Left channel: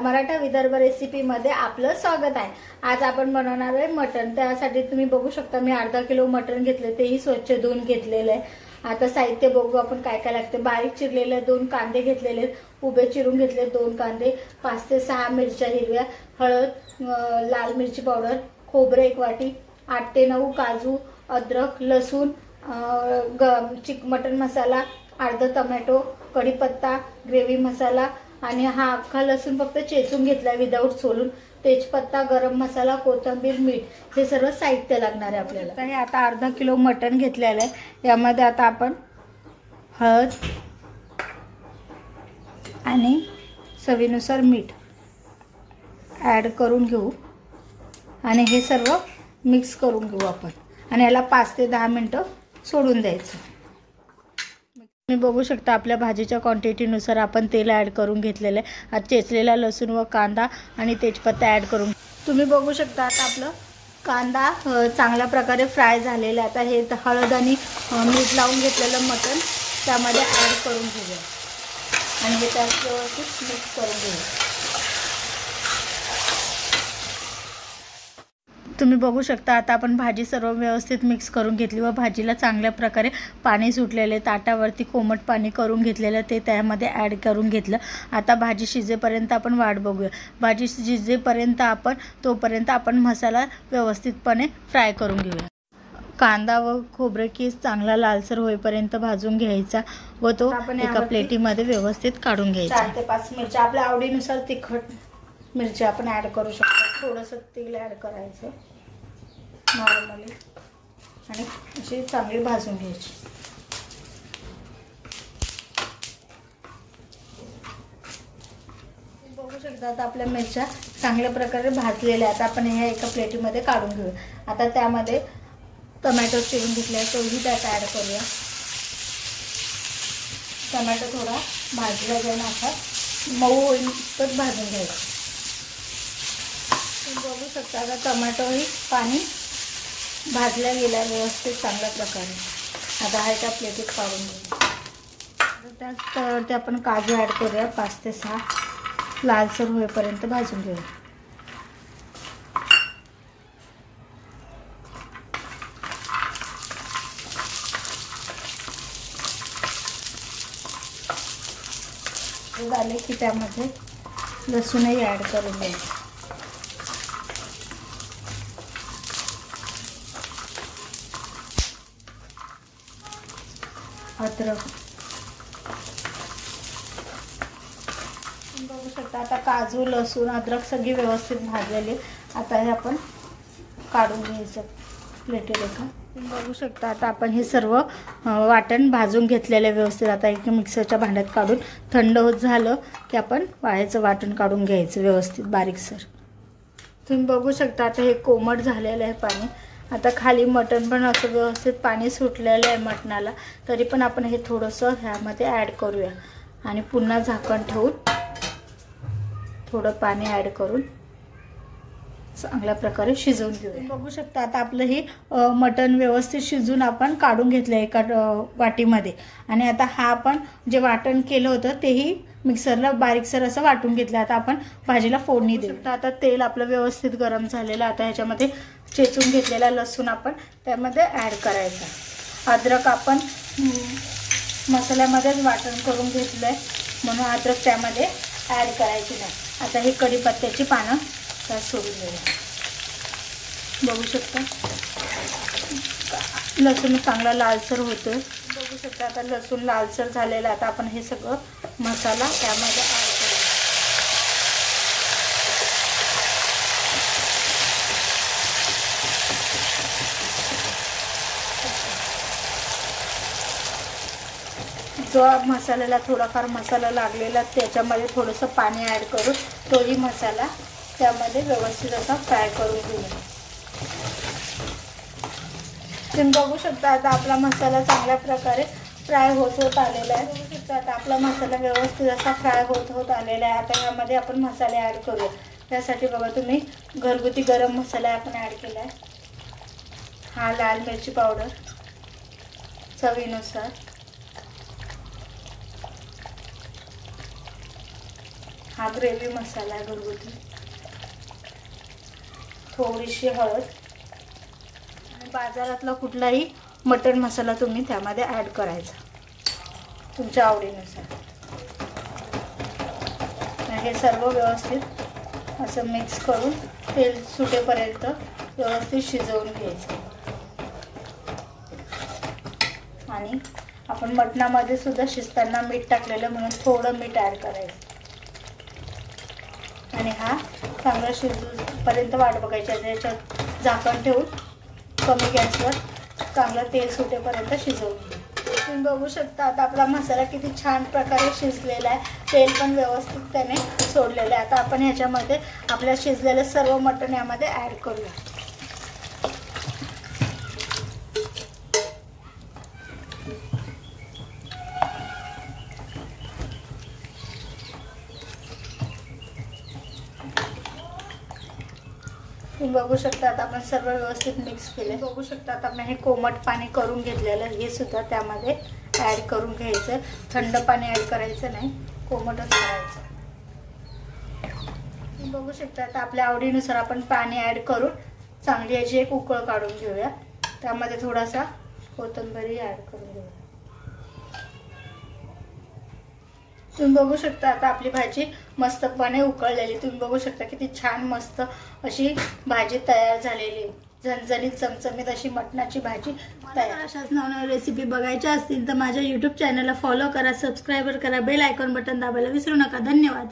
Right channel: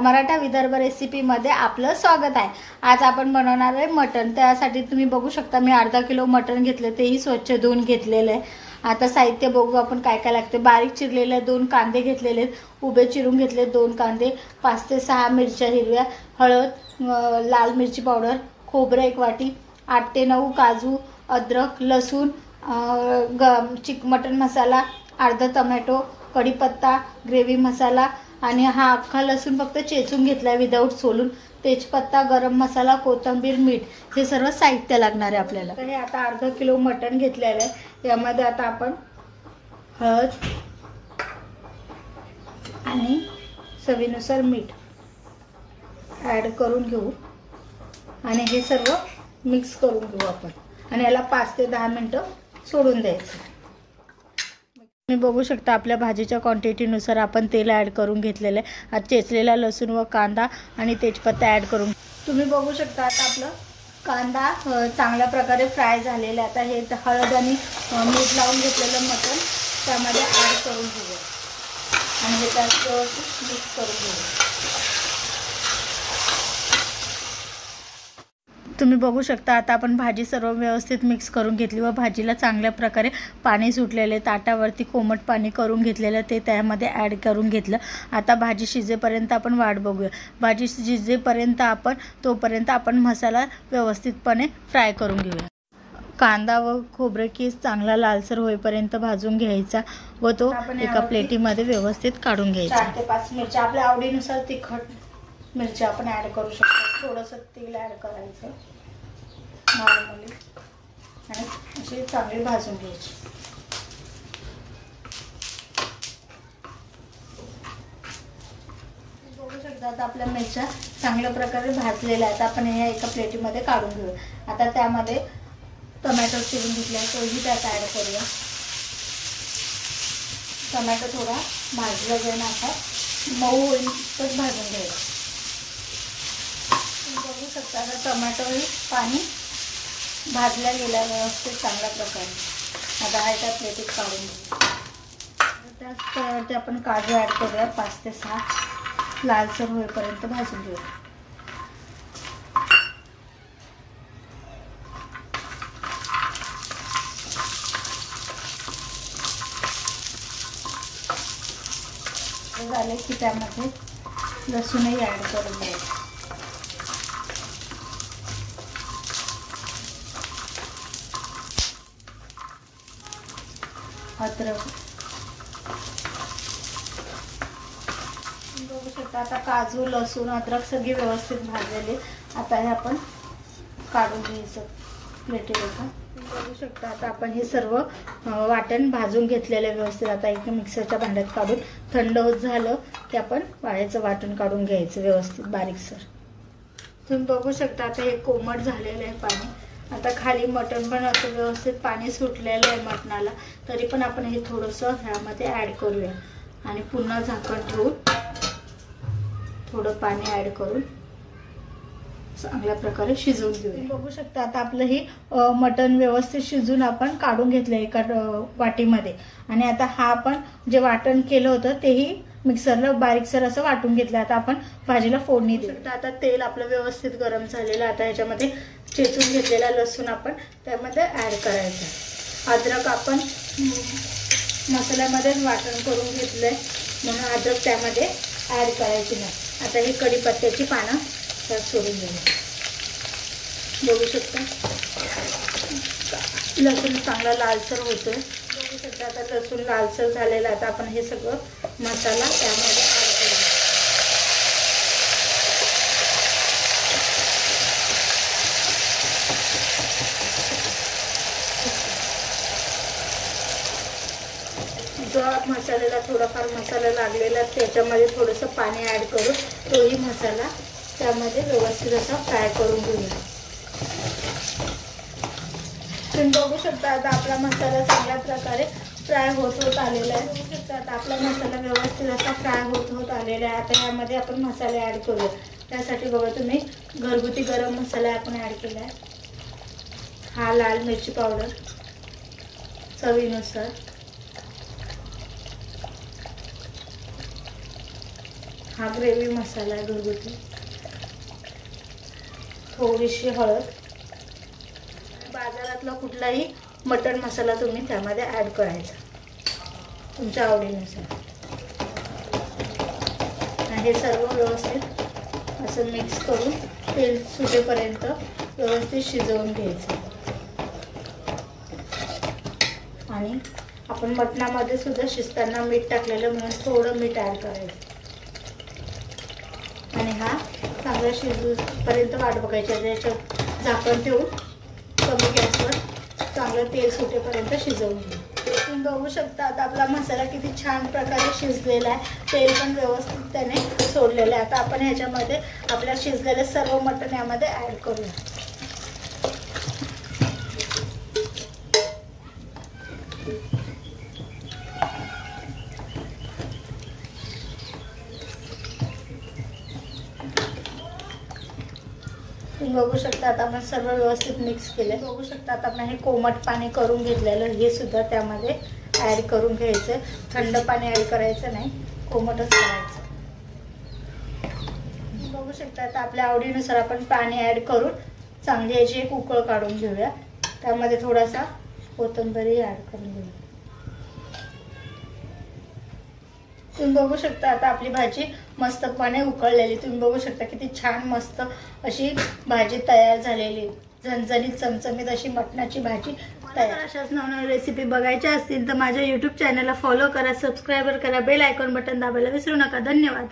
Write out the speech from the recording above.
मराठा विदर्भ रेसिपीमध्ये आपलं स्वागत आहे। आज आपण बनवणार आहे मटण। त्यासाठी तुम्ही बघू शकता मी अर्धा किलो मटण घेतले, तेही स्वच्छ धुवून घेतलेले आहे। आता साहित्य बघू आपण काय काय लागते। बारीक चिरलेले 2 कांदे घेतलेले, उभे चिरून घेतले 2 कांदे, 5 ते 6 मिरच्या हिरव्या, हळद, लाल मिरची पावडर, खोबरे 1 वाटी, 8 ते 9 काजू, अद्रक, लसूण, मटण मसाला, अर्धा टोमॅटो, कढीपत्ता, ग्रेव्ही मसाला आणि हा अख्खा लसूण फक्त चेचून घेतला विदाऊट सोलून, तेजपत्ता, गरम मसाला, कोथिंबीर, मीठ, हे सर्व साहित्य लागणार आहे आपल्याला। तर हे आता अर्धा किलो मटण घेतलेलं आहे। यामध्ये आता आपण हळद आणि चवीनुसार मीठ ॲड करून घेऊ आणि हे सर्व मिक्स करून घेऊ आपण आणि याला 5 ते 10 मिनिटं सोडून द्यायचं। तुम्ही बघू शकता आपल्या भाजीच्या क्वांटिटीनुसार आपण तेल ॲड करून घेतलेलं आहे। चेचलेला लसूण व कांदा आणि तेजपत्ता ॲड करून तुम्ही बघू शकता आता आपलं कांदा चांगल्या प्रकारे फ्राय झालेला आहे। आता हे हळद आणि मीठ लावून घेतलेलं मटण त्यामध्ये ॲड करून घेऊया आणि हे त्यात व्यवस्थित मिक्स करून घेऊया। तुम्ही बघू शकता आता आपण भाजी सर्व व्यवस्थित मिक्स करून घेतली व भाजीला चांगल्या प्रकारे पाणी सुटलेले, ताटावरती कोमट पाणी करून घेतलेलं ते त्यामध्ये ॲड करून घेतलं। आता भाजी शिजेपर्यंत आपण वाट बघूया। भाजी शिजेपर्यंत तोपर्यंत आपण मसाला व्यवस्थितपणे फ्राय करून घेऊया। कांदा व खोबरे किस चांगला लालसर होईपर्यंत भाजून घ्यायचा व तो एका प्लेटीमध्ये व्यवस्थित काढून घ्यायचा। 4 ते 5 मिरच्या आपल्या आवडीनुसार तिखट मिरची आपण ॲड करू शकतो। थोडंसं तेल ॲड करायचं नॉर्मली आणि अशी चांगली भाजून घ्यायची। बघू शकता आता आपल्या मिरच्या चांगल्या प्रकारे भाजलेल्या आहेत। आपण हे एका प्लेटीमध्ये काढून घेऊया। आता त्यामध्ये टोमॅटो चिरून घेतला तोही त्यात ॲड करूया। टोमॅटो थोडा भाजला जाईल, असा मऊ होईल तर भाजून घ्यायचा। बघू शकता आता टोमॅटोही पाणी भाजल्या गेल्या व्यवस्थित चांगल्या प्रकारे। आता हा एका प्लेटीत काढून घेऊ। त्याच्यावरती आपण काजू ॲड करूया। 5 ते 6 लालसर होईपर्यंत भाजून घेऊया। झाले की त्यामध्ये लसूणही ॲड करून घ्यायचं। अद्रक बघू शकता आता काजू, लसूण, अद्रक सगळी व्यवस्थित भाजलेली। आता हे आपण काढून घ्यायचं प्लेटीवर। बघू शकता आता आपण हे सर्व वाटण भाजून घेतलेले व्यवस्थित आता एक मिक्सरच्या भांड्यात काढून थंड होत झालं की आपण वाळ्याचं वाटण काढून घ्यायचं व्यवस्थित बारीकसर। तुम्ही बघू शकता आता हे कोमट झालेलं आहे पाणी। आता खाली मटण पण असं व्यवस्थित पाणी सुटलेलं आहे मटणाला, तरी पण आपण हे थोडंसं ह्यामध्ये ॲड करूया आणि पुन्हा झाकण ठेवून थोडं पाणी ॲड करून चांगल्या प्रकारे शिजवून घेऊया। बघू शकता आता आपलं हे मटण व्यवस्थित शिजून आपण काढून घेतलं एका वाटीमध्ये आणि आता हा आपण जे वाटण केलं होतं तेही मिक्सरला बारीकसर असं वाटून घेतलं। आता आपण भाजीला फोडणी देऊ शकता। आता तेल आपलं व्यवस्थित गरम झालेलं। आता ह्याच्यामध्ये चेचून घेतलेला लसूण आपण त्यामध्ये ॲड करायचा। अद्रक आपण मसाल्यामध्येच वाटण करून घेतलंय म्हणून अद्रक त्यामध्ये ॲड करायची नाही। आता हे कढीपत्त्याची पानं सोडून देऊया। बघू शकता लसूण चांगला लालसर होतोय। बघू शकता आता लसूण लालसर झालेला। आता आपण हे सगळं मसाला त्यामध्ये जो मसाल्याला थोडाफार मसाला लागलेला त्याच्यामध्ये थोडंसं पाणी ॲड करून तोही मसाला त्यामध्ये व्यवस्थित असा फ्राय करून घेऊया। तुम्ही बघू शकता आता आपला मसाला चांगल्या प्रकारे फ्राय होत आलेला आहे। बघू शकता आता आपला मसाला व्यवस्थित असा फ्राय होत आलेला आहे। आता यामध्ये आपण मसाले ॲड करूया। त्यासाठी बघा तुम्ही घरगुती गरम मसाला आपण ॲड केला आहे। हा लाल मिरची पावडर चवीनुसार, हा ग्रेव्ही मसाला आहे घरगुती. थोडीशी हळद. बाजारातला कुठलाही मटण मसाला तुम्ही त्यामध्ये ॲड करायचा तुमच्या आवडीनुसार. हे सर्व व्यवस्थित असं मिक्स करून तेल सुटेपर्यंत व्यवस्थित शिजवून घ्यायचं. आणि आपण मटणामध्ये सुद्धा शिजताना मीठ टाकलेलं म्हणून थोडं मीठ ॲड करायचं. आणि हा चांगला शिजूपर्यंत वाट बघायची. त्याच्यात झाकण ठेवून कमी गॅसवर चांगलं तेल सुटेपर्यंत शिजवून घ्या. तुम्ही बघू शकता आता आपला मसाला किती छान प्रकारे शिजलेला आहे. तेल पण व्यवस्थित त्याने सोडलेलं आहे. आता आपण ह्याच्यामध्ये आपल्या शिजलेले सर्व मटण यामध्ये ॲड करूया. तुम्ही बघू शकता आता आपण सर्व व्यवस्थित मिक्स केले. बघू शकता आता आपण हे कोमट पाणी करून घेतलेलं हे सुद्धा त्यामध्ये ॲड करून घ्यायचं. थंड पाणी ॲड करायचं नाही, कोमटच करायचं. बघू शकता आता आपल्या आवडीनुसार आपण पाणी ॲड करून चांगली याची एक उकळ काढून घेऊया. त्यामध्ये थोडासा कोथिंबीर ॲड करून घेऊया. तुम्ही बघू शकता आता आपली भाजी मस्तपणे उकळलेली. तुम्ही बघू शकता किती छान मस्त अशी भाजी तयार झालेली. झणझणीत चमचमीत अशी मटणाची भाजी तयार. अशाच नवनवीन रेसिपी बघायच्या असतील तर माझ्या YouTube चॅनलला फॉलो करा, सबस्क्राईब करा, बेल आयकॉन बटन दाबायला विसरू नका. धन्यवाद.